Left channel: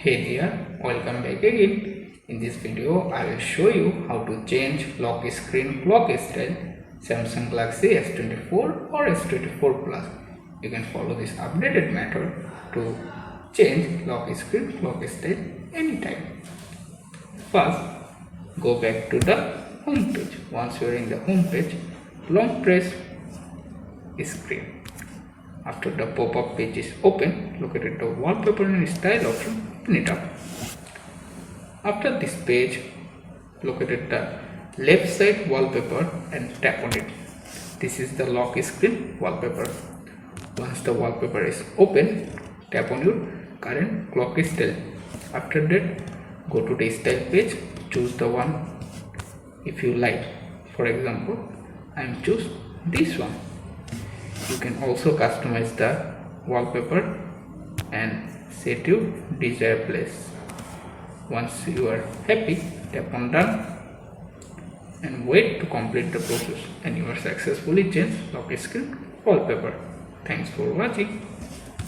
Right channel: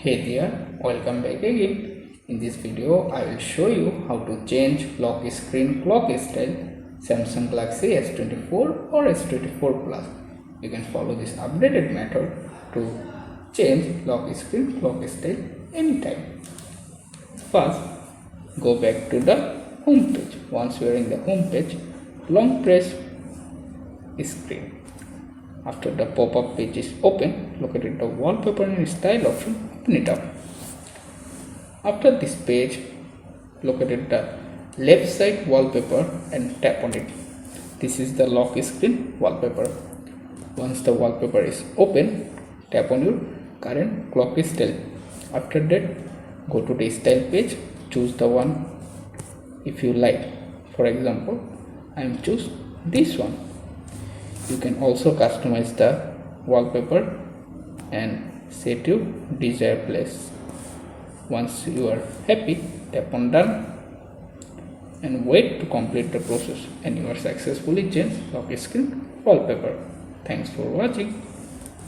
Hey there, welcome back again. In this video, I will show you how to change lock screen clock style Samsung Galaxy S24 or S24 Plus. You can follow this updated method to change lock screen clock style anytime. First, go back to the home page. Once you are in the home page, long press screen. After the pop-up page is open, locate the wallpaper and style option, open it up. After this page, locate the left side wallpaper and tap on it. This is the lock screen wallpaper. Once the wallpaper is open, tap on your current clock style. After that, go to the style page, choose the one if you like. For example, I am choose this one. You can also customize the wallpaper and set your desired place. Once you are happy, tap on done and wait to complete the process, and you are successfully changed lock screen wallpaper. Thanks for watching.